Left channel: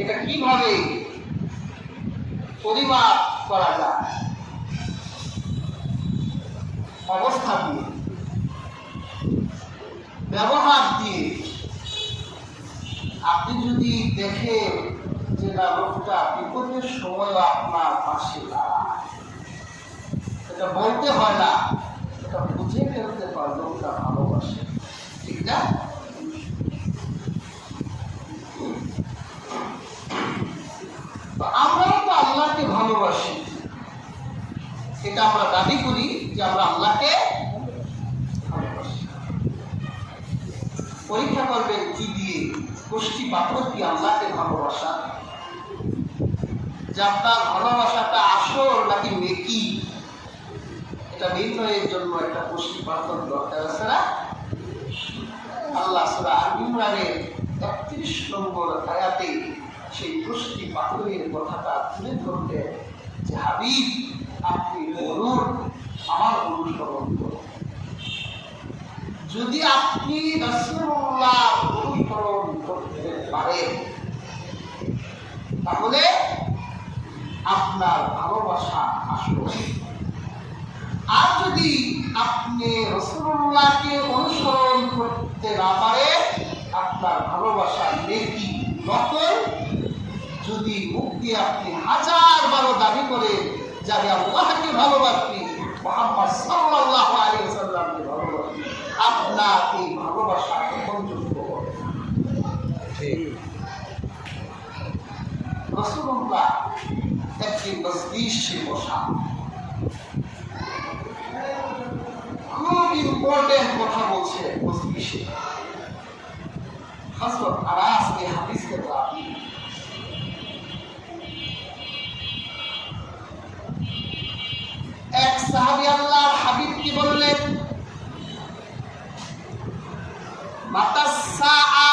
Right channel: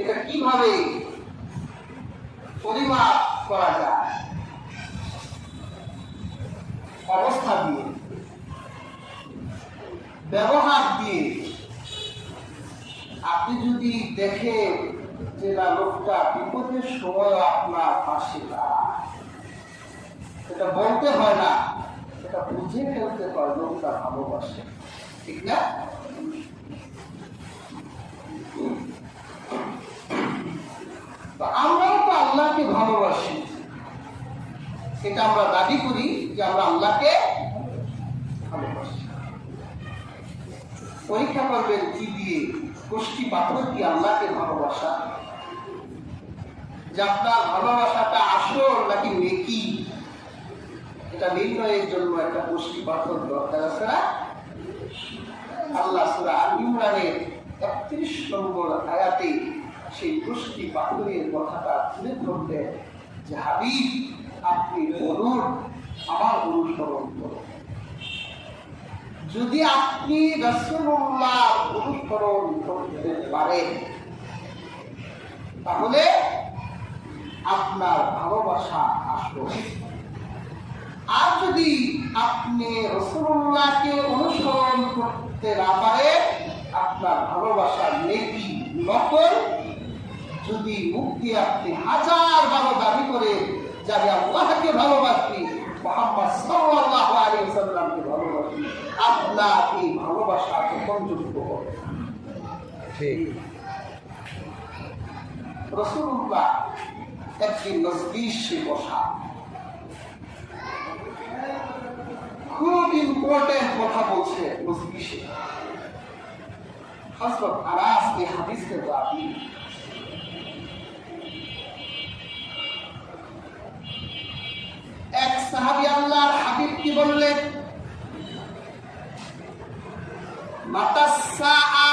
এটা কিভাবে পরিমাপ করা যায়? অবস্থা দিয়ে, ব্যবহার দিয়ে। আপনি যদি দেখেন যে না, লোকটা বিপদের সময় আপনার পাশে দাঁড়ায়, এটা বলতে হয় না, এটা বুঝে ফেলতে পারে লোকটা ভালোবাসে, ঠিক না? আমরাও তো আল্লাহকে ভালোবাসি, এটা আমরা দাবি করি যে আমরা আল্লাহকে ভালোবাসি। পরীক্ষা করবেন কি দিয়ে? গোষ্ঠী পাথর কি আল্লাহকে ভালোবাসা? যে আপনার ভালোবাসাটা আসল নাকি নেকি, এটা নির্ণয়ের জন্য একটা গোষ্ঠী পাথর দরকার আছে না? আল্লাহ সূরা আল ইমরানের ৩১ নম্বর আয়াতে সেই গোষ্ঠী পাথরের কথাটা তুলে ধরলেন যে হাবিব, আপনি বলুন, আমার অনুসরণ করুন। যদি আপনি রাসূলুল্লাহ অনুসরণ করতে পারেন তাহলে আপনার ভালোবাসা আসবে। আর যদি আপনি রাসূলুল্লাহকে অনুসরণ করতে না পারেন, আপনার ভালোবাসা নেকি নকল। যদি মুখ দিয়ে আপনি হাজার বারো দাবি করে যে আমি আল্লাহকে ভালোবাসি, মুহাম্মদ সাল্লাল্লাহু আলাইহি ওয়াসাল্লামকে ভালোবাসি, আপনার এই ভালোবাসা গ্রহণযোগ্য হবে। রাসূলুল্লাহ একদিন মজলিসে বসা, খুব ইম্পর্টেন্ট কথা বলছে মজলিসে। হযরত আনাস এই হাদিসকে রাবি। এক সাহাবী আল্লাহর হাবিব কি বললেন? মাতাস সাআ,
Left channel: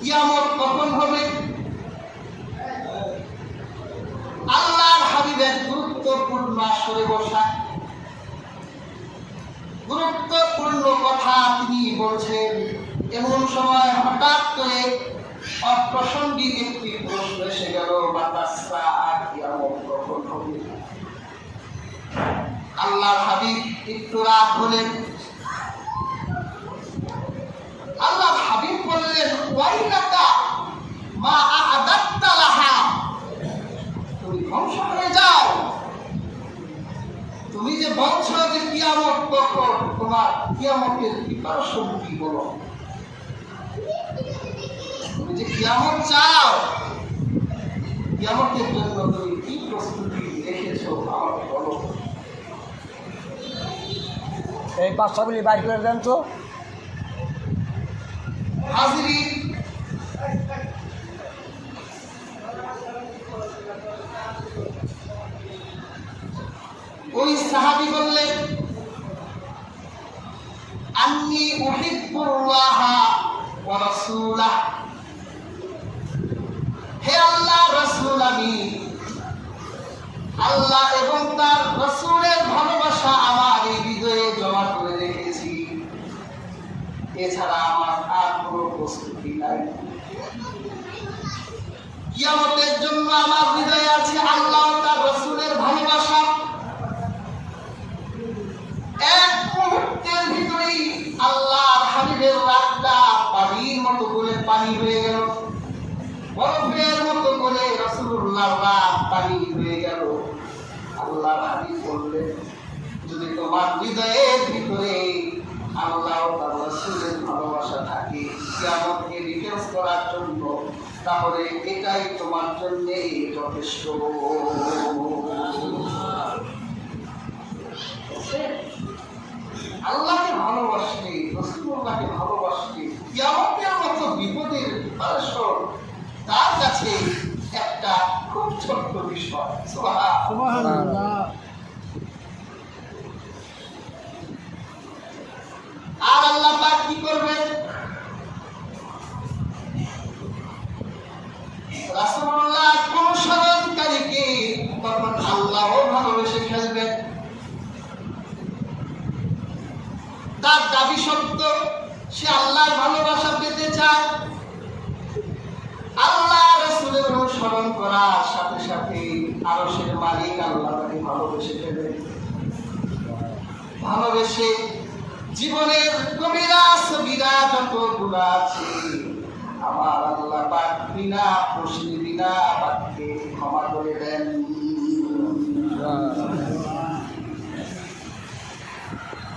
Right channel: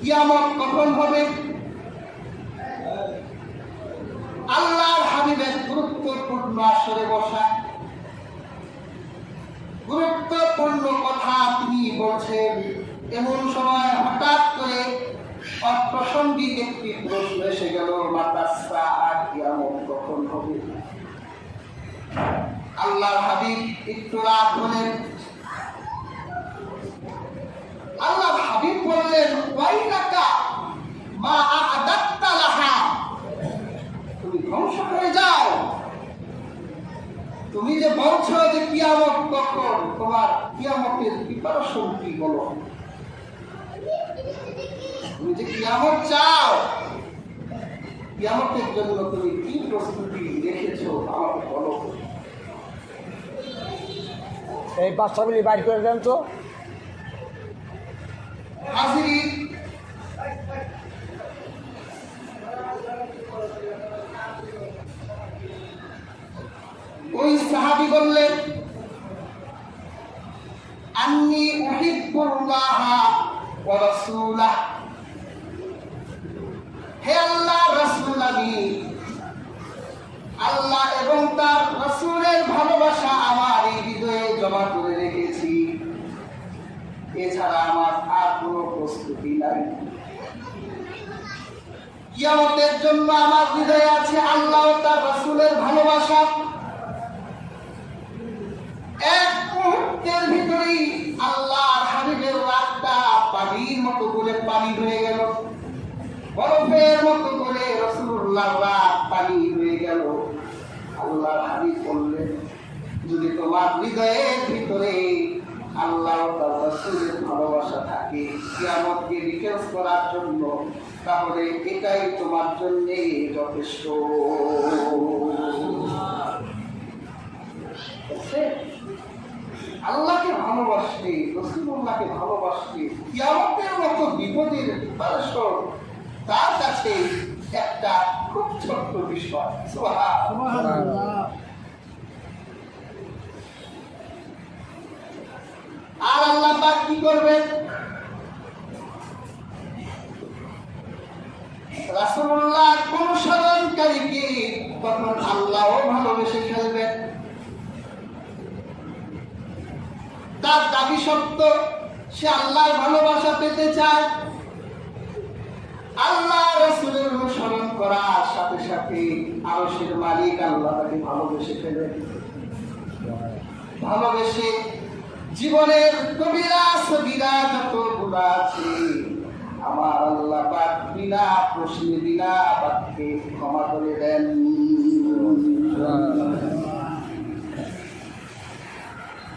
কিয়ামত কখন হবে? আল্লাহর হাবিবের গুরুত্বপূর্ণ আসরে বসা, গুরুত্বপূর্ণ কথা তিনি বলছেন। এমন সময় হঠাৎ করে অপ্রাসঙ্গিক একটি প্রশ্ন এসে গেল, মাতাস সাআ, কিয়ামত কখন হবে? আল্লাহর হাবিব একটু রাগ হলেন। আল্লাহর হাবিব বললেন, ওয়াইলাকা মা আ'দাত্তা লাহা, তুমি ধ্বংস হয়ে যাও। তুমি যে বলছো যে কিয়ামত কখন, তোমার কিয়ামতের প্রিপারেশন কি বলো? তুমি যে কিয়ামত চাও, কিয়ামতের জন্য তুমি কি প্রস্তুতি রেখেছো আমাকে বলো। এই বাচ্চাগুলি বাইর করে দেন তো। হাজিরিন, ওই সাহাবী বললেন, আন্নী উহিব্বুল্লাহ ওয়া রাসূলাহ, হে আল্লাহর রাসূল, আমি আল্লাহ এবং তার রাসূলের ভালোবাসা আমার এই হৃদয়ে জমা করে রেখেছি, এছাড়া আমার আর কোনো প্রস্তুতি নাই। কিয়ামতের জন্য আমার হৃদয়ে আছে আল্লাহ ও তার রাসূলের ভালোবাসা। এক মুহূর্তের ভিতরেই আল্লাহর হাবিবের রাগটা পানির মতো করে পানি হয়ে গেল, বরফের মতো করে রাসূলুল্লাহর রাগ পানি হয়ে গেল। আল্লাহর হাবিব বললেন, যদি তোমার হৃদয়ের ভিতরে আল্লাহ ও তার রাসূলের ভালোবাসা থাকে কিয়ামতকে ডিফেন্স করার জন্য, তাহলে এটাই তোমার জন্য যথেষ্ট। আল্লাহকে ভালোবাসলে, রাসূলুল্লাহকে ভালোবাসলে, কিয়ামতের মতো বিপদের প্রিপারেশন তার কাছে একটা খুব ছোট্ট বিষয়। সুবহানাল্লাহ। আর আল্লাহ পাক কি করবেন? রাসূলুল্লাহ অনুসরণকারীকে তখন আল্লাহও ভালোবেসে ফেলবেন। তার দাবি সত্য, সে আল্লাহর ভালোবাসা পেতে চায়, আল্লাহ রাসূলের অনুসরণ করার সাথে সাথে আরশের মালিক আল্লাহ তাকে ভালোবেসে ফেলেন। ভালোবেসে জীবনের কবিরা সগীরা যতগুলো আছে আমার আল্লাহ পাক বিনা প্রশ্নে বিনা বাক্যে ক্ষমা করে দেন।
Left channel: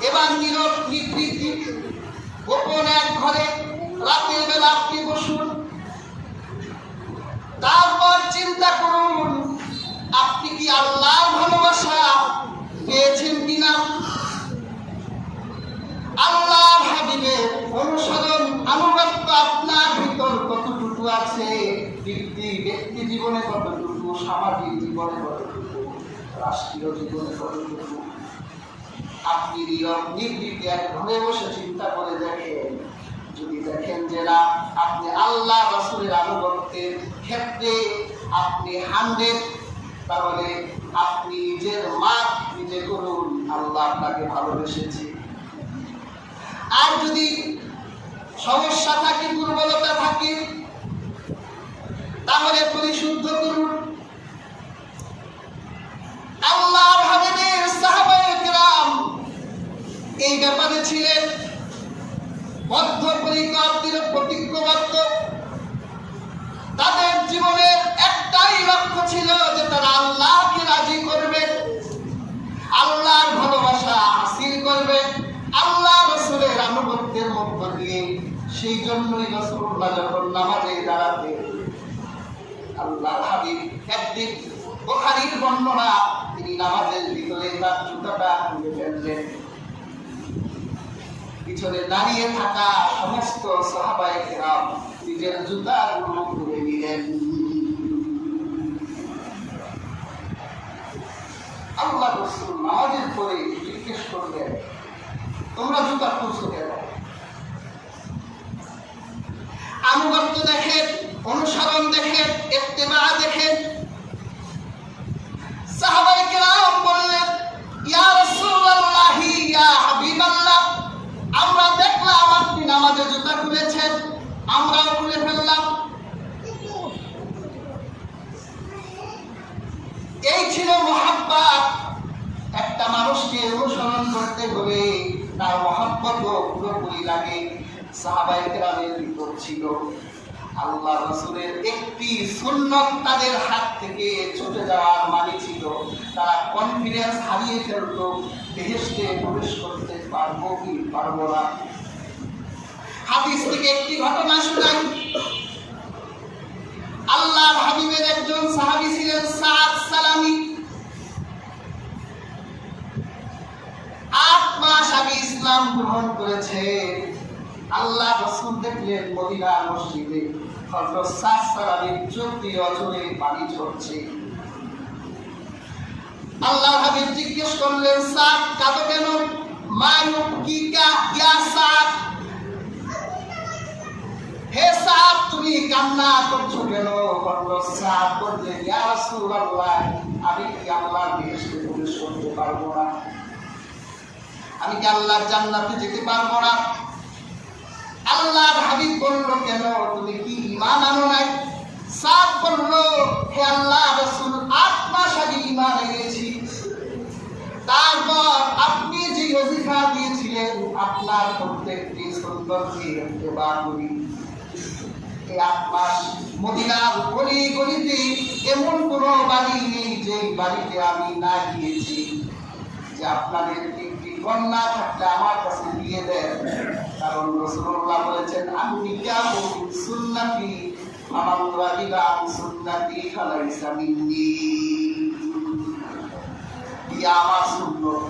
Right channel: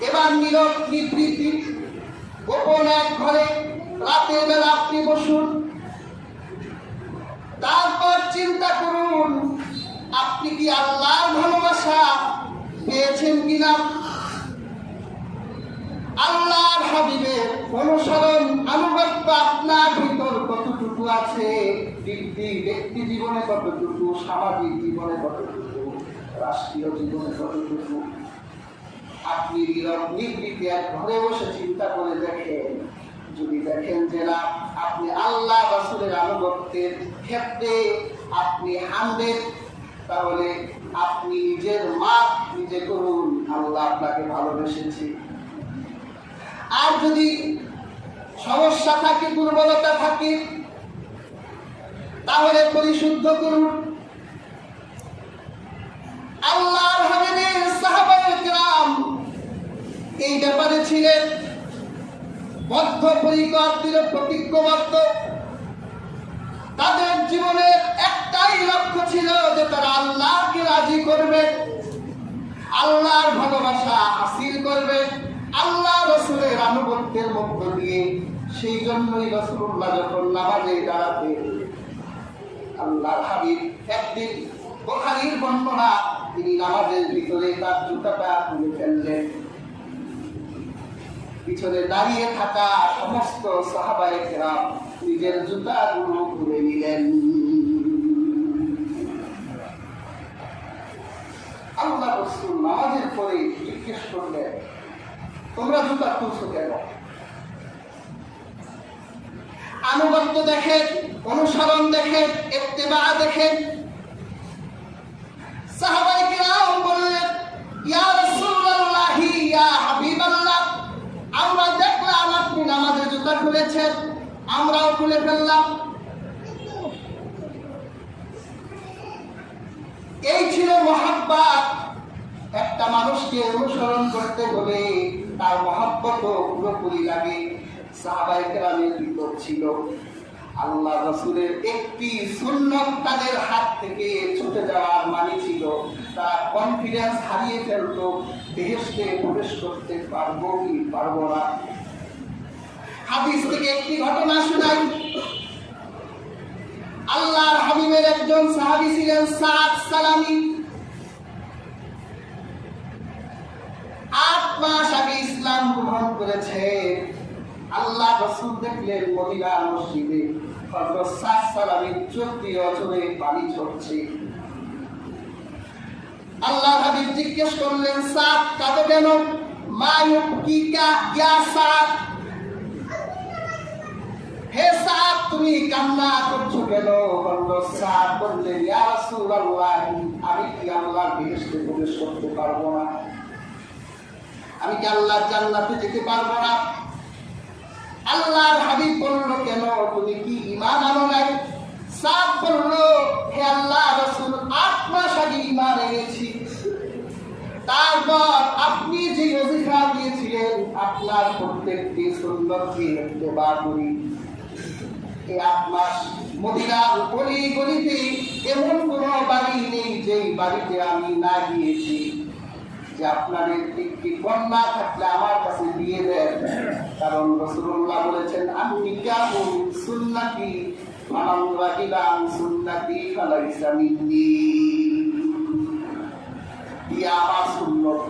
এবার নীরব নিবৃত্তি গোপন এক ঘরে রাতের বেলা আপনি বসুন, তারপর চিন্তা করুন আপনি কি আল্লাহর ভালোবাসা পেয়েছেন কিনা, আল্লাহর হাবিবের অনুসরণ আনুগত্য আপনার ভিতর কতটুকু আছে, ব্যক্তি জীবনে কতটুকু, সামাজিক জীবনে কতটুকু, রাষ্ট্রীয় জীবনে কতটুকু। আপনি নীরব নিবৃত্তি এক ঘরে বসে চিন্তা করে দেখেন, যদি দেখেন যে না আপনি আল্লাহ রাসূলের আনুগত্যের ক্ষেত্রে আপনি 100, তাহলে আপনি নিজের মাপ নিজে করুন, আল্লাহ আপনাকে ভালোবেসেছে। আর যদি সমস্যা থাকে, দুর্বলতা থাকে, তাহলে পরিশুদ্ধ করুন। আল্লাহর হাবিবের সাহাবায়ে কেরাম এই ব্যাপারে ছিলেন বদ্ধপরিকর, প্রতিজ্ঞবদ্ধ। তাদের জীবনের একটাই লক্ষ্য ছিল যে তারা আল্লাহকে রাজি করবে, আল্লাহর ভালোবাসা হাসিল করবে আল্লাহ রাসূলের আনুগত্যের মধ্য দিয়ে। সেই জন্যই রাসূলুল্লাহ যখন নামাজে দাঁড়াতে আল্লাহর হাবিব একদিন বুখারীর বর্ণনা, তিনি নামাজের ভিতরে তার জুতাটা খুলে ফেললেন। পিছনে দাঁড়িয়ে থাকা সমস্ত সাহাবায়ে কেরাম নিজের জুতাগুলো খুলে নিলেন। আল্লাহ রাসূল নামাজের পরে জিজ্ঞেস করলেন, তোমরা জুতা খুলছো কেন? আনুগত্য দেখেন, অনুসরণ দেখেন, ইত্তেবা দেখেন। সাহাবায়ে কেরাম বললেন, ইয়া রাসূলুল্লাহ, ইয়া হাবিবাল্লাহ, আমরা দেখলাম আপনি নামাজে জুতা খুলেছেন, আমরাও খুলে ফেললাম। এই ছিল মহব্বত। একটা মানুষকে অনুসরণ করতে হলে তার মহব্বত পুরোপুরি লাগে। সাহাবায়ে কেরামের ভিতর ছিল আল্লাহ রাসূলের একটি সুন্নত তাদের হাত থেকে ছুটে যাওয়ার মানে ছিল তারা কনফিডেন্স হারিয়ে ফেলত, বেহেশতে প্রবেশ করতে পারবো কি পারবো না। হাদিস থেকে একটি ঘটনা শোনাই। আল্লাহর হাবিবের একজন সাহাবী ছিলেন সাদ সালামি। 8 মাস আগে ইসলাম গ্রহণ করেছে। আল্লাহ রাসূল দেখলেন মদিনার মসজিদে হযরত সাদ সালামির চোখ দিয়ে অঝরে পানি ঝরছে। আল্লাহর হাবিব জিজ্ঞেস করলেন, সাদ কাঁদো কেন? মা ইউবকিকা ইয়া সাদ, হে সাদ তুমি কান্না করছো কেন? সাদ বললেন, ইয়া রাসূলুল্লাহ, আমি কি আল্লাহর বেহেশতে প্রবেশ করতে পারবো না? আমি কি আল্লাহর জান্নাতে যেতে পারবো না? আল্লাহর হাবিব বলল, কেন তুমি কি ঈমান আনো নাই? সাদ বলল, হে আল্লাহ রাসূল, 8 মাস আগে ঈমান এনেছি। তারপর আপনি যে ওজিফা দিয়েছিলেন আপনার প্রত্যেকটি সুন্নতকে ইত্তেবা করি। এই 8 মাস মদিনার গলি গলিতে এমন কোনো বাড়ি নেই যে বাড়িতে আমি না গিয়েছি। যে আপনাদের একটি কন্যা থাকলে আমার কাছে দিয়ে দেন, কারণ রাসূলুল্লাহ বলেছেন, আমি কাবু সুন্নতি মান রাগিবা আন সুন্নতি ফালাইসা মিন্নি। ইয়া আমার সুন্নত।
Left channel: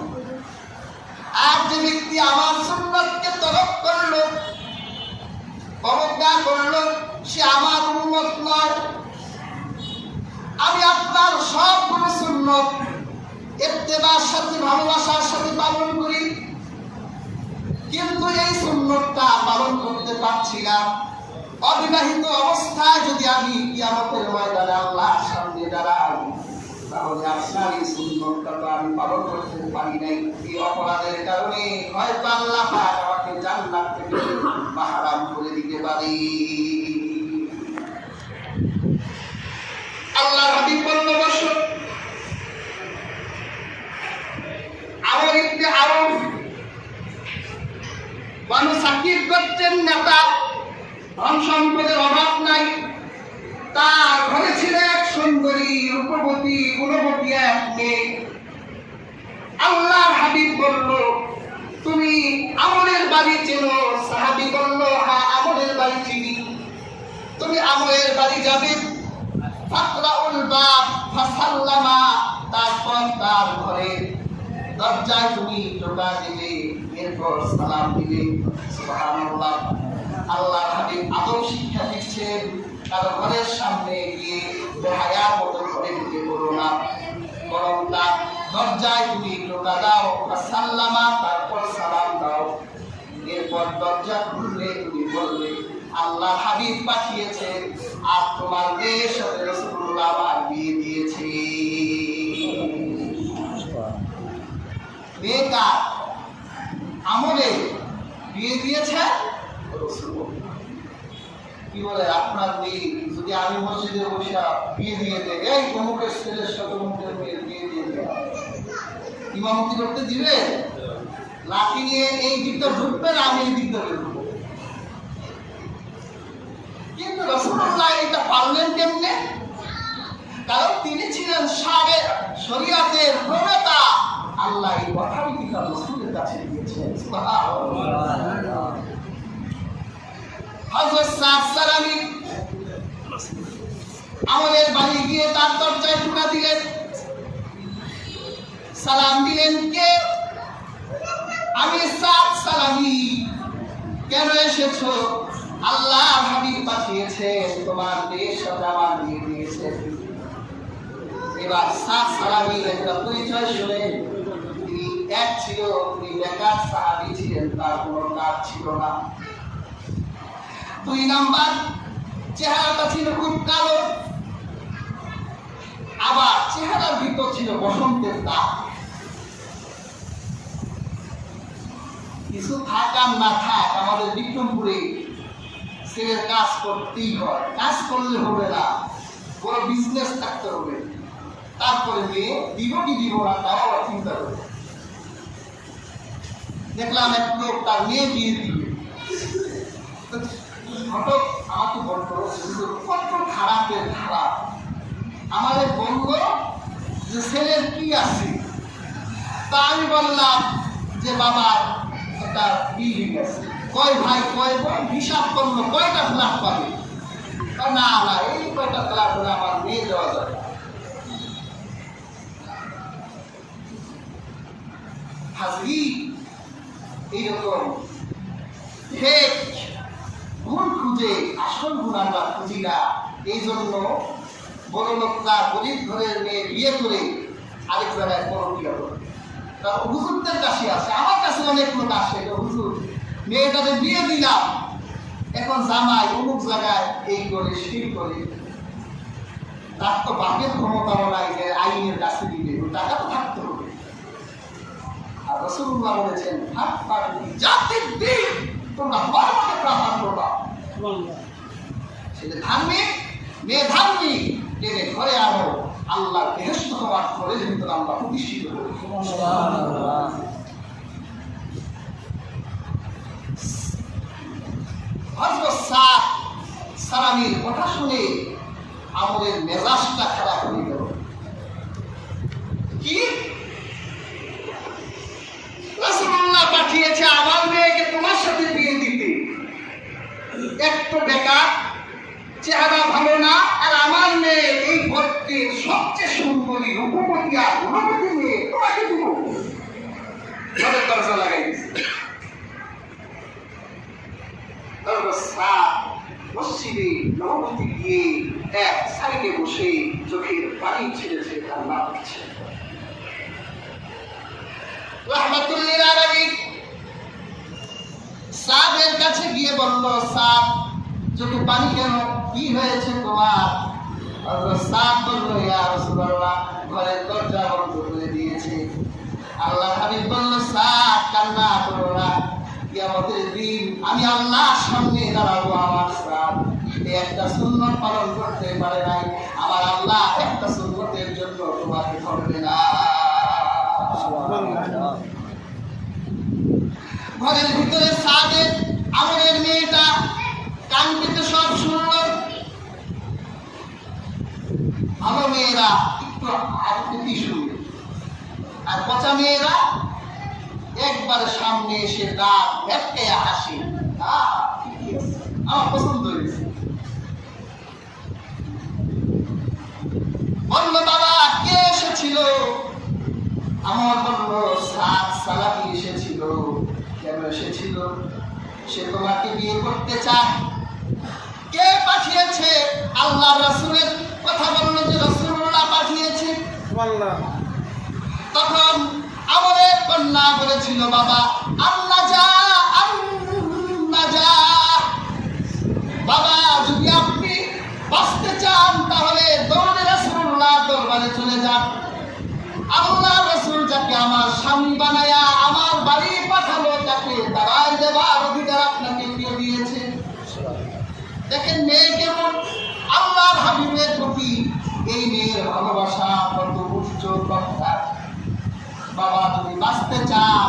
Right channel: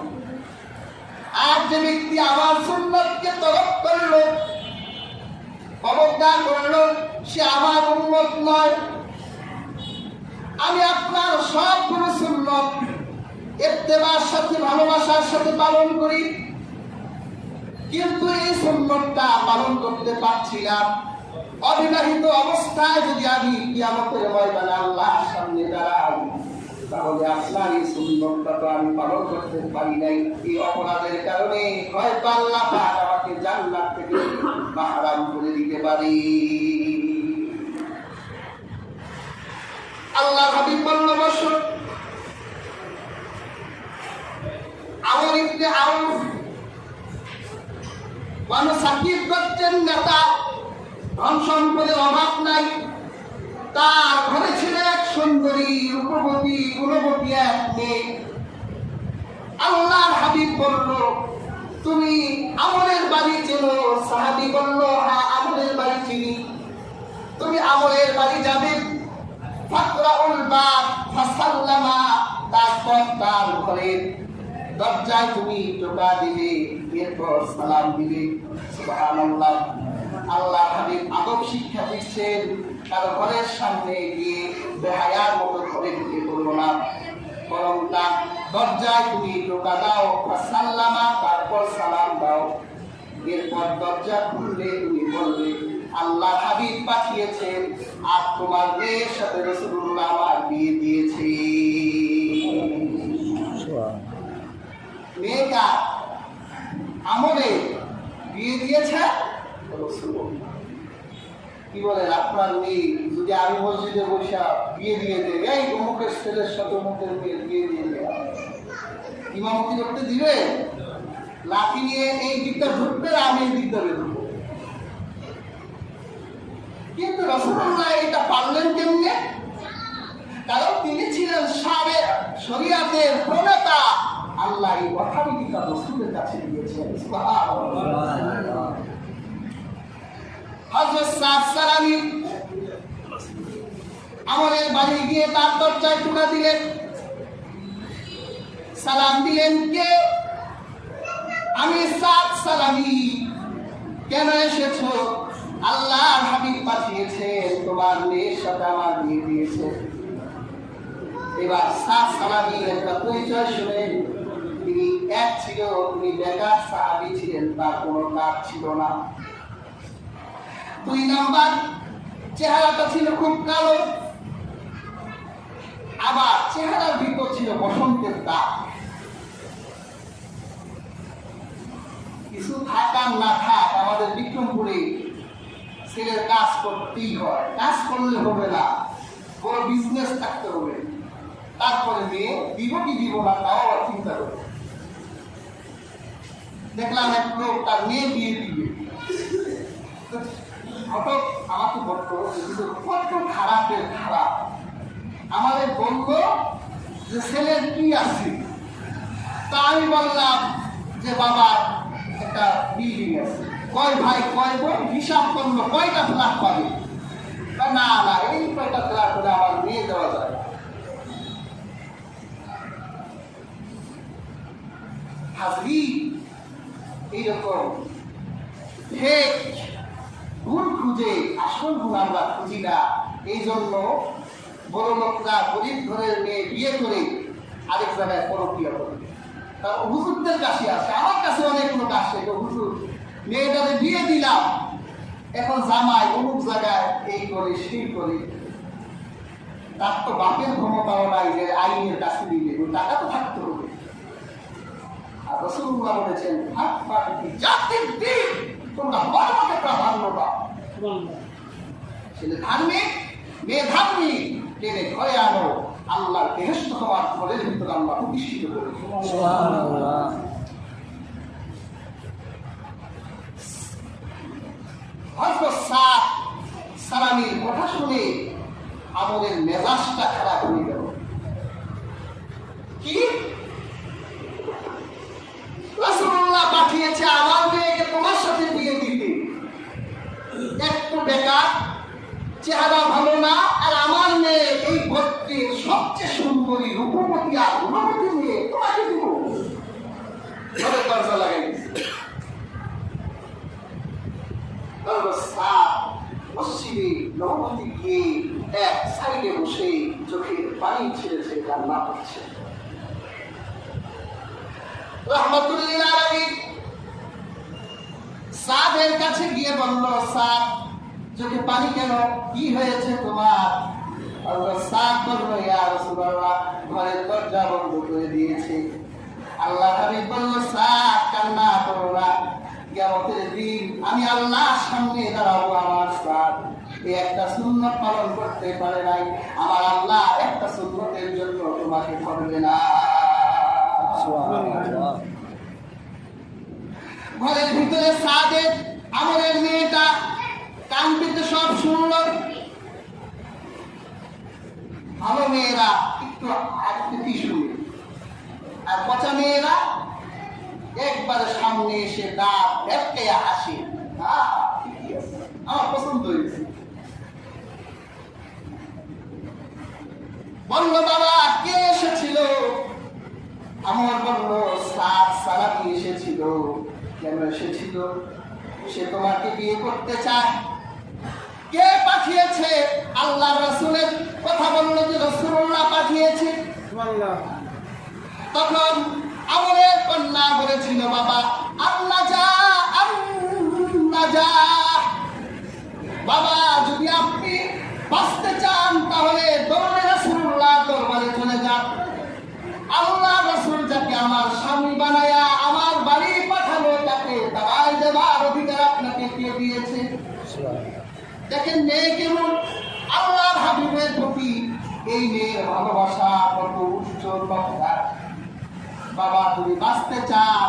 আর যে ব্যক্তি আমার সুন্নতকে তরক করলো, অবজ্ঞা করলো, সে আমার উম্মত নয়। আমি আপনার সবগুলো সুন্নত ইত্তেবার সাথে ভালোবাসার সাথে পালন করি, কিন্তু এই সুন্নতটা পালন করতে পারছি না। অবিবাহিত অবস্থায় যদি আমি কিয়ামতের ময়দানে আল্লাহর সামনে দাঁড়াই, তাহলে আপনার এই সুন্নতটা তো আমি পালন করতে পারি নাই। এই অপরাধের কারণে হয়তো আল্লাহ পাক আমাকে জান্নাত থেকে মাহরাম করে দিতে পারে। সাকিব গোত্রের নেতা, ধন সম্পদের অভাব নাই। তার ঘরে ছিল এক সুন্দরী রূপবতী গুণবতী এক মেয়ে। আল্লাহর হাবিব বলল, তুমি আমরের বাড়ি চেনো? সাহাবী বলল, হ্যাঁ আমরের বাড়ি চিনি। তুমি আমরের বাড়ি যাবে, ফাকরাউল বাব ফাসাল্লামা, তারপর তার ঘরে দরজায় তুমি টোকা দিবে, এরপর সালাম দিবে। সুবহানাল্লাহ। আল্লাহ হাবিব আদব শিক্ষা দিচ্ছেন, কারো ঘরের সামনে গিয়ে বেহায়ার মতো ঘরে ঢুকে পড়ো না, বরং তার দরজায় তুমি টোকা দাও, ফাসাল্লামা, তারপর সালাম দাও। এরপর দরজা খুললে তুমি বলবে, আল্লাহ হাবিব পাঠিয়েছেন আর তোমার মেয়ের সাথে রাসূলুল্লাহ আমার বিয়ে দিয়েছে। মেয়ে কার? আমরে বিয়ে দিয়েছে রাসূল। কি বলে আপনার মেয়ে যদি আমি মসজিদে বসে বিয়ে দিয়ে দেয়, এই অমুকের ছেলের সাথে অমুকের মেয়ে বিয়ে দিয়ে দেয়, ইমামতি করতে দিবে? লাঠি নিয়ে এই দিকটা ঢুকবে, আমি এই দিকটা ঢুকবো। কিন্তু রাসূলুল্লাহ এটা পারলেন কেমনে? কারণ তিনি ছিলেন সাবেক শরীয়তের প্রণেতা। আল্লাহ এই কথাটি তার রাসূলের কাছে দিয়েছেন। সুবহানাল্লাহ। হযরত সাদ সালামী আমরের বাড়ি গিয়ে তার দরজায় টোকা দিলেন, সালাম দিলেন। কে? আমি সাদ সালামী। কেন এসেছো? আল্লাহর হাবিব পাঠিয়েছেন, তোমার মেয়ের সাথে আমার বিয়ে দিয়েছে। এবার সাদ সালামী একটা পরিচয় শুনে, তিনি এক ছিল, তিনি বেকার সাহাবী ছিলেন, তার কোনো কাজ ছিল না। 2 নাম্বার, চেহারাটা ছিল খুব কালো, আবার চেহারার ভিতর ছিল বসন্তের দাগ। কিছু থাকার না থাক, আমাদের বিক্রমপুরে ছেলের কাজ করতেই হয়, কাজ করলে হবে না, বড় বিজনেস থাকতে হবে। তারপরে মেয়ে দিব কি দিব না তাও আবার চিন্তা করবে। দেখলাম এক লোক তার মেয়ে বিয়ে দিবে, হঠাৎ আমাকে বড় কত খারাপের খারাপ। আমাদের বলল যে ছেলের কি আছে? তা আমি বললাম যে বাবা একটা বিল্ডিং আছে। কয় ভাই কয় বোন? হিসাব করলো কয়টা ফ্ল্যাট পাবে? না না, এই কয়টা ফ্ল্যাট হলে আমার মেয়ে দেওয়া যায়। হাজরি এইরকম ফেক গুণ খুঁজে আসল গুণ আমরা খুঁজি না। এই জন্য বড় লোকরা গরিব ঘরের মেয়ে বিয়ে করে আরেক জায়গায় পরক্রিয়া করে। কারণ হুজুরদের কাছে আসে, আমার কাছে অনেক লোক আসে, হুজুর মেয়েটাকে বিয়ে দিলাম, এখন জামাই অমুক জায়গায় এই করে সেই করে। তার তো বাপের ক্ষমতাও নাই যে আইনের কাছে দিবে, টাকা তো থাকতে হবে। আর রাসূলুল্লাহ বলেছেন, জাতির দিন তোমরা ধর্মকে প্রাধান্য দাও। ছেলে ধার্মিক, মেয়ে ধার্মিক, টেনে ঘরে আনো, আল্লাহর বেহেশত হওয়ার ঘরের ভিতরে আমরা প্রতিষ্ঠিত করি। সুবহানাল্লাহ। হযরত সাদ সালামীর কথা শুনে আমরের মেজাজটা খারাপ হয়ে গেল। কি? রাসূলুল্লাহ পাঠিয়েছে আমার মেয়েকে তোমার সাথে বিয়ে দিতে, একটু বেকার, চেহারা ভালো না, আর আমার মেয়ে এই ভর্তির সবচেয়ে সুন্দরী রূপবতী আর গুণবতী মেয়ে, তোমাকে দিব? ঘরের দরজা লাগাই দিচ্ছে। মসজিদে নববতী গিয়ে এক সাইডে বসে চোখের পানি ছেড়েছে, কান্না করছে। রাহমাতুল্লিল আলামিন সাদের কাছে গিয়ে বলল, সাদ চোখে পানি কেন? কি হয়েছে তোমার? সাদ বলল, ইয়া রাসূলুল্লাহ, ঘরের দরজা বন্ধ করে দিয়েছে। আল্লাহ হাবিব বলল, সাদ কান্না করো না, কিয়ামতের দিন আমি আল্লাহর সামনে দাঁড়াবো। আমার সাদ একটা সুন্নত পালন করতে পারে নাই, আমার আল্লাহ একটা সুন্নতের জন্য তোমাকে করবে না। ঘরের ভিতরে সাদের আমরের মেয়েটা কান পেতে সব শুনল। ভালো মেয়েরা একটু আকৃতি শুনে, আর পচা মেয়েরা একবার সামনে এসে দাঁত ভেটকাইয়া হাসি। ঠিকই আছে, আমার পছন্দ হয়েছে। বলল বাবা কে এসেছিল? আমার বলল সাত সালাকি এসেছিল। কেন এসেছিল? সে তোমাকে বিয়ে করতে চায়। কে পাঠিয়েছে? আল্লাহ রাসূলের কথা বলল যে রাসূলুল্লাহ পাঠিয়েছে। তখন আমরের কন্যা বলেছিল বাবা আল্লাহ যা আল্লাহ যা। বাবা যদি আপনি বাঁচতে চান তাহলে দৌড়ে রাসূলুল্লাহ দরবারে চলে যান। আল্লাহ রাসূল যাকে আমার স্বামী বানায়া আমার বাড়ি পাঠালো তাকে তারাই দেবার অধিকার আপনাকে কে দিয়েছে? দেখেন মেয়ে কেমন, আল্লাহর হাবিবের প্রতি এই মেয়ের ভালোবাসা কত উচ্চ কথা। বাবা তুমি বাঁচতে চান,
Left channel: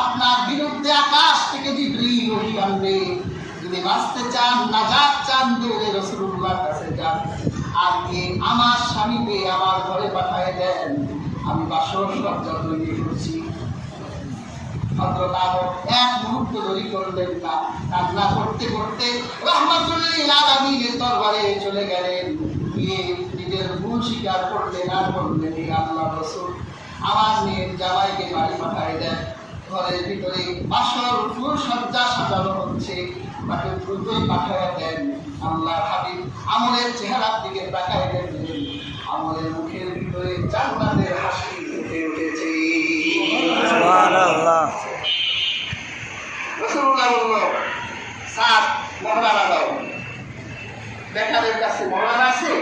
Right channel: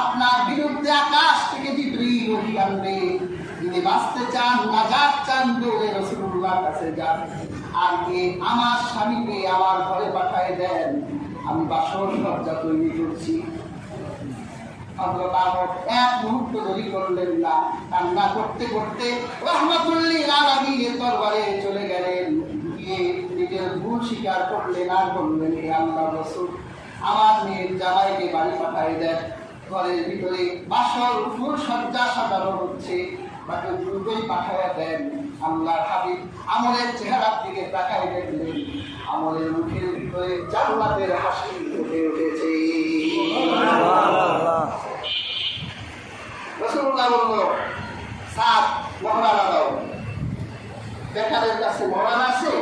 আপনার বিরুদ্ধে আকাশ থেকে জিবরীল ওহী আনবে। যদি বাঁচতে চান, নাজাত চান, দৌড়ে রাসূলুল্লাহর কাছে যান। আর আমার স্বামীকে আমার ঘরে পাঠিয়ে দেন, আমি বাসর সজ্জা তৈরি করছি। হযরত আমর এক মুহূর্ত দেরি করলেন না, কান্না করতে করতে রাহমাতুল লিল আলামিনের দরবারে চলে গেলেন। গিয়ে নিজের ভুল স্বীকার করলেন আর বললেন হে আল্লাহর রাসূল, আমার মেয়ের জামাইকে বাড়ি পাঠিয়ে দেন। ঘরের ভিতরে বাসর ফুল সজ্জা সাজানো হচ্ছে, তাকে দ্রুতই পাঠিয়ে দেন। আল্লাহর হাবিব আমরের চেহারার দিকে তাকায় দেখলেন, আমরের মুখের ভিতরে জান্নাতের হাসি ফুটে উঠেছে। সুবহানাল্লাহ। রাসূলুল্লাহ বলল সাত মহরানা দাও। বেকারের কাছে মহরানা আছে?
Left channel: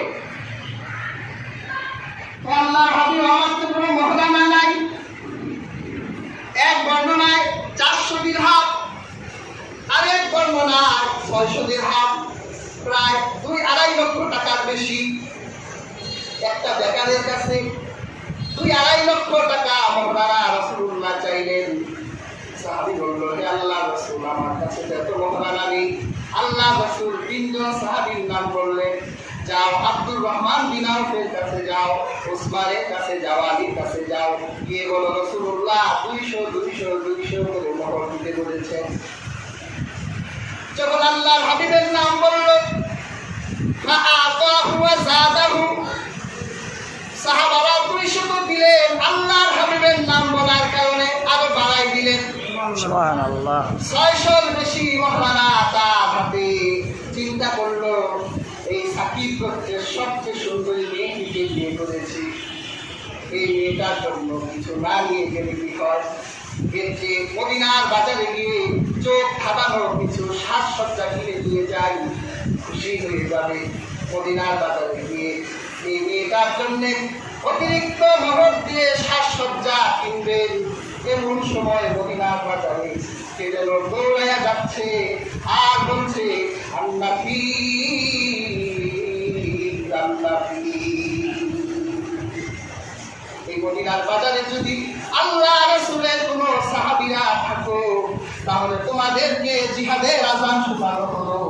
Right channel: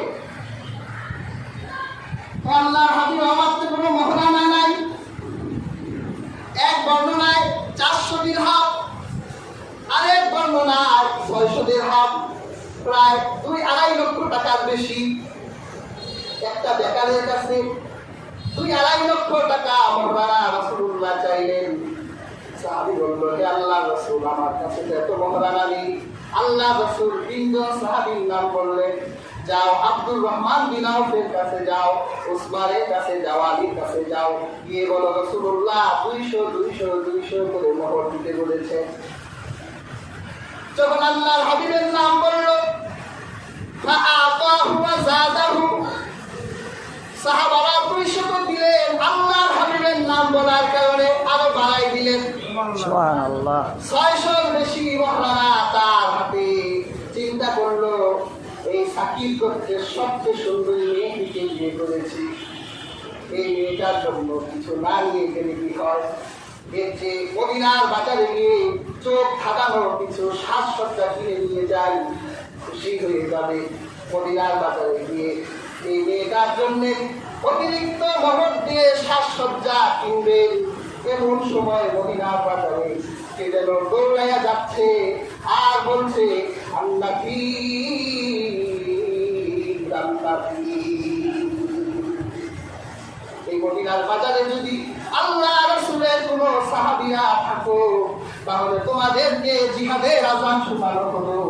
আল্লাহর হাবিব আমার তো কোনো মহরানা নাই। এক বর্ণনায় 400 দিরহাম, আরেক বর্ণনায় 600 দিরহাম, প্রায় 2-2.5 লক্ষ টাকার বেশি। একটা বেকারের কাছে 2-2.5 লক্ষ টাকা মহরানা রাসূলুল্লাহ চাইলেন। সাহাবী বলল হে আল্লাহর রাসূল, আমার কাছে এত মহরানা নেই। আল্লাহ রাসূল 3 জন সাহাবীর নাম বললেন, যাও আব্দুর রহমান বিন আউফের কাছে যাও, উসমানের কাছে যাও, আলীর কাছে যাও, গিয়ে বলো রাসূলুল্লাহ 200 করে মোহর দিতে বলেছেন। যখন আল্লাহর হাবিবের নাম বলল, ফাআতাহু ওয়া যাদাহু, সাহাবারা 200 তো দিলেন, আল্লাহর হাবিবের নাম বলার কারণে আরো বাড়াই দিলেন। সুবহানাল্লাহ। 600 বেশি মহরানা তার হাতে। চিন্তা করলো এই সাকিব গোত্রের সবচেয়ে সুন্দরী মেয়েটিকে বিয়ে করেছি, এই মেয়েটার জন্য কিছু না নিয়ে গেলে কি হয়? এর যে মদিনার বাজারে গিয়ে চোখ ধাঁধানোর কিছু সাজসজ্জা কিনে দিয়ে যাই, খুশি হয়ে যাবে। মদিনার বাজারে গিয়ে এই মেয়েটার জন্য অতিরিক্ত মোহর দিয়ে সাজসজ্জা কিনবেন। এমন সময় মদিনার বাজারে কে যেন দৌড়াইয়া যাচ্ছে আর বলছে আল্লাহ এই মদিনার বাজারে যদি আল্লাহ রাসূলের কোন সাহাবীরা থাকো তাহলে তোমাদেরকে জিহাদের আযান শোনানো হলো।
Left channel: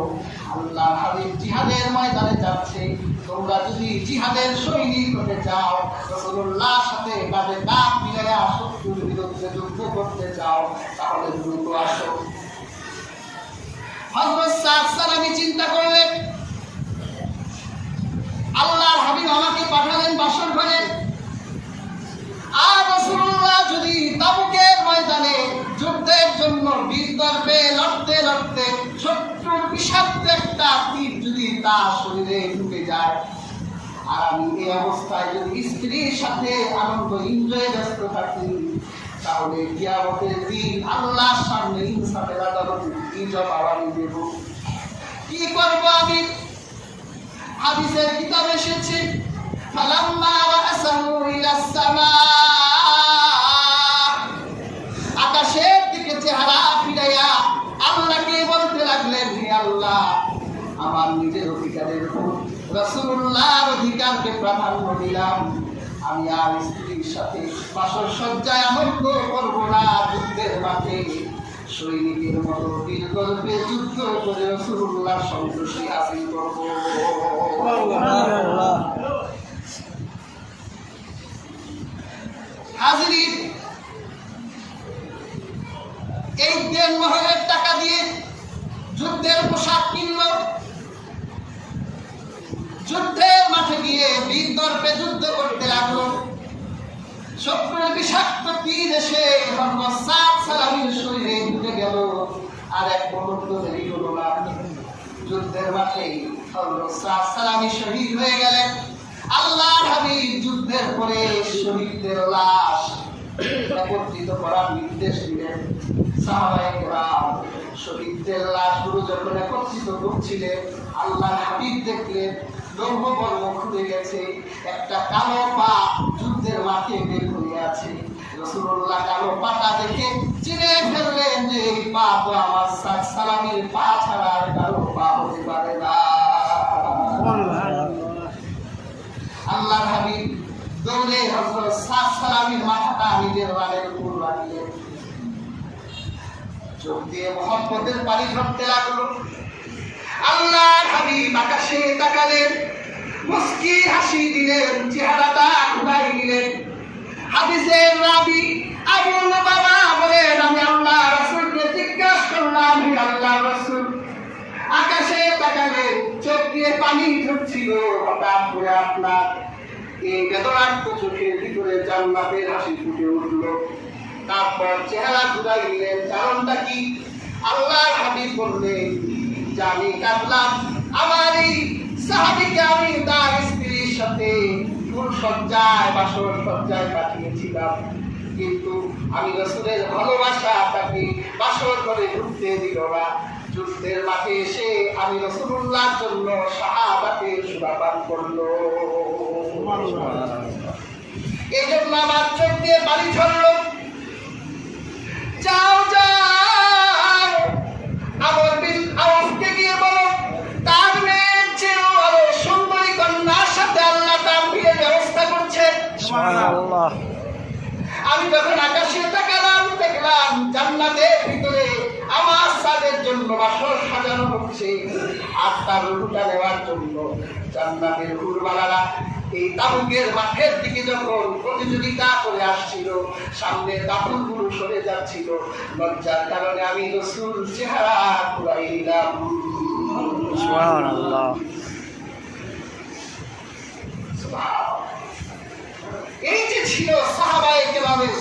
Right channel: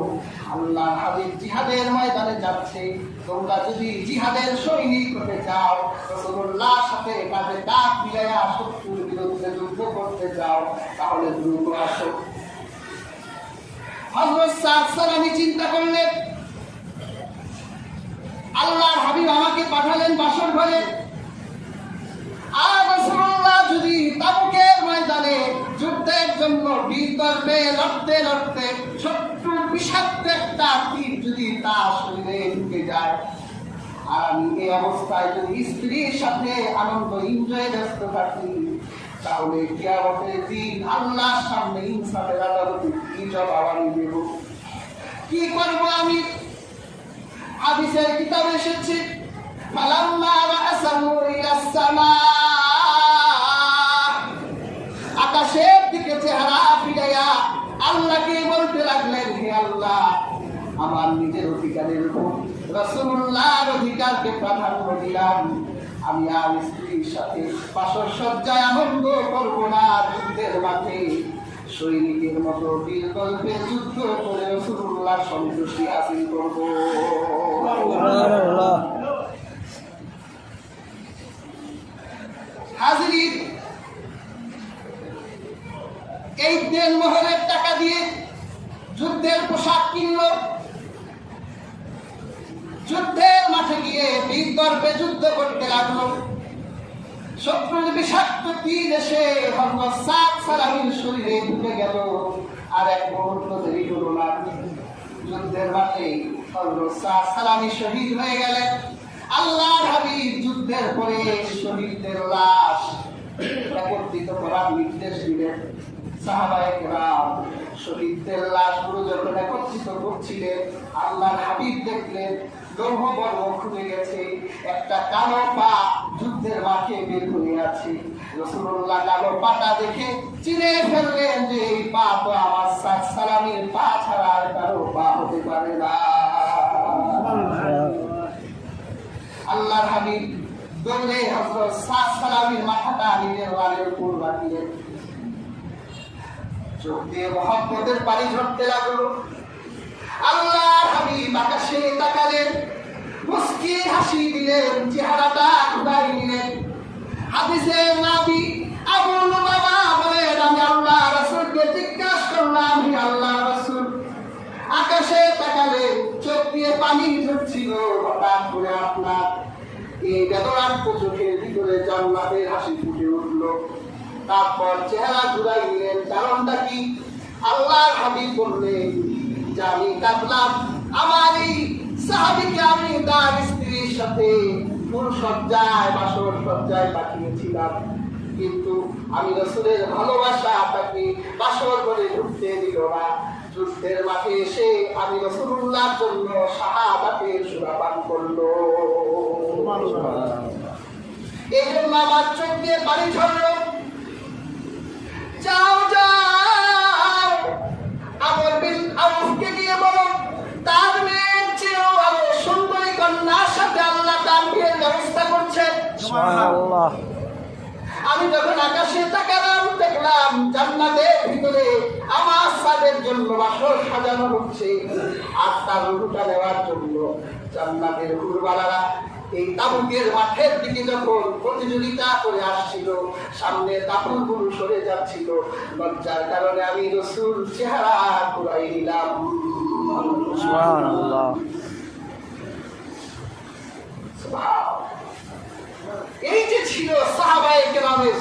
আল্লাহ হাবিব জিহাদের ময়দানে যাচ্ছে, তোমরা যদি জিহাদের সৈনিক হতে চাও, রাসূলুল্লাহর সাথে কাঁধে কাঁধ মিলাইয়া শত্রুর বিরুদ্ধে যুদ্ধ করতে চাও, তাহলে দ্রুত আসো। হযরত সাদ সালামী চিন্তা করলেন, আল্লাহর হাবিব আমাকে পাঠালেন বাসর ঘরে, আর রাসূলুল্লাহ যদি তাবুকের ময়দানে যুদ্ধের জন্য বীর গর্বে লড়তে লড়তে শত্রুর বিষাক্ত একটা তীর যদি তার শরীরে ঢুকে যায়, আর আমি এই অবস্থায় যদি স্ত্রীর সাথে আনন্দ এনজয় ব্যস্ত থাকি, তাহলে কিয়ামতের দিন আল্লাহর সামনে ইনসাফের আদালতে কি জবাব আমি দেব? কি করব আমি? হাদিসের কিতাবে এসেছে, ফালাম্মা ওয়াসালু ইলাস সামা, আকাশের দিকে চেহারা ফিরাইয়া আল্লাহকে বলতে লাগলেন, হে আল্লাহ, আমার নিজের অধিকারের উপর রাসূলুল্লাহর অধিকারকে প্রাধান্য দিলাম। আমি আর স্ত্রীর সাথে বাসর সজ্জায় আনন্দ করব না, যুদ্ধের মাঠে সৈনিকের মতো বীর গল্পে যুদ্ধ করে রাসূলুল্লাহ সন্তুষ্টি হাসিল করব। সুবহানাল্লাহ। হাজির, এই দেনমোহরের টাকা দিয়ে যুদ্ধের পোশাক কিনল, যুদ্ধের মাঠে গিয়ে বীর গর্বে যুদ্ধ করতে লাগলো। শত্রুর বিষাক্ত তীর এসে হযরত সাদ সালামীর শরীরে ঢুকে গেল। আর এক মুহূর্ত দেরি হলো না, যুদ্ধের মাঠে হযরত সাদ সালামী শহীদ হয়ে গেলেন। আল্লাহর হাবিব যুদ্ধের পরে শহীদদের লাশ একত্রিত করার নির্দেশ দিলেন। সাহাবায়ে কেরাম শহীদদের লাশগুলো যখন একত্রিত করছিলেন, আল্লাহর হাবিব দেখলেন লৌহ বর্ম খুলে গেছে, একটা কালো পা যুদ্ধের মাঠে বের হয়ে আছে। রাসূলুল্লাহ কালো পাটা দেখে চিনে ফেললেন যে এই পা তো আমার সাদ সালামীর পা ছাড়া আর কারো পা হতে পারে না। আল্লাহর হাবিব দৌড়ে হযরত সাদ সালামীর মাথাটা নিজের রানের উপর রাখলেন। চোখ দিয়ে মুহাব্বতের পানি ঝরতে লাগলো। আল্লাহর হাবিব আকাশে তাকালেন, মুস্কি হাসি দিলেন, চেহারাটা ঘুরাই দিলেন। হাদিসের রাবী আবু লুবাবা বলেন, আমি আল্লাহর রাসূলকে জিজ্ঞাসা করলাম, হে আল্লাহর রাসূল, আকাশে তাকালেন, চোখ দিয়ে পানি ঝরছিল, হঠাৎ করে আপনার এই বেদনাক্ত চোখের ভিতরে জান্নাতের হাসি ফুটে উঠল। তারপর চেহারা ঘুরাই দিলেন, কারণটা কি? আল্লাহর হাবিব বললেন যে আমি কাঁদলাম, আমার এই সাহাবীকে আমি তার স্ত্রীর সাথে ফুল সজ্জায় বাসর সজ্জায় পাঠিয়েছিলাম, কিন্তু আমি রাসূলের ভালোবাসা তাকে বাসর করে ঢুকতে দিল না। যুদ্ধের মাঠে এসে আমি রাসূলুল্লাহর জন্য শাহাদাতের সুরা পান করলো। এই জন্য আমার চোখ দিয়ে পানি ঝরল। যাও যাও, আমর বিন আউফকে গিয়ে বলো তার মেয়ের চেয়েও আরো সুন্দরী কন্যার সাথে আল্লাহ তার বিয়ের ব্যবস্থা করছে। সুবহানাল্লাহ। আমি যখন আকাশে তাকালাম, দেখলাম জান্নাতের ভিতরে আমার সাদের জন্য বাসর সাজানো হচ্ছে। আর তার রুহুটা নেওয়ার জন্য জান্নাতের হুরবালারা এই তাবুকের মাঠের দিকে যখন প্রতিযোগিতা করে আসছিল, সামনে দাপুরগুলো সরে যাচ্ছিল, লজ্জার কারণে আমি রাসূল চেহারা ঘুরাই দিলাম। সুবহানাল্লাহ। এই যে ছিল সাহাবায়ে কেরামের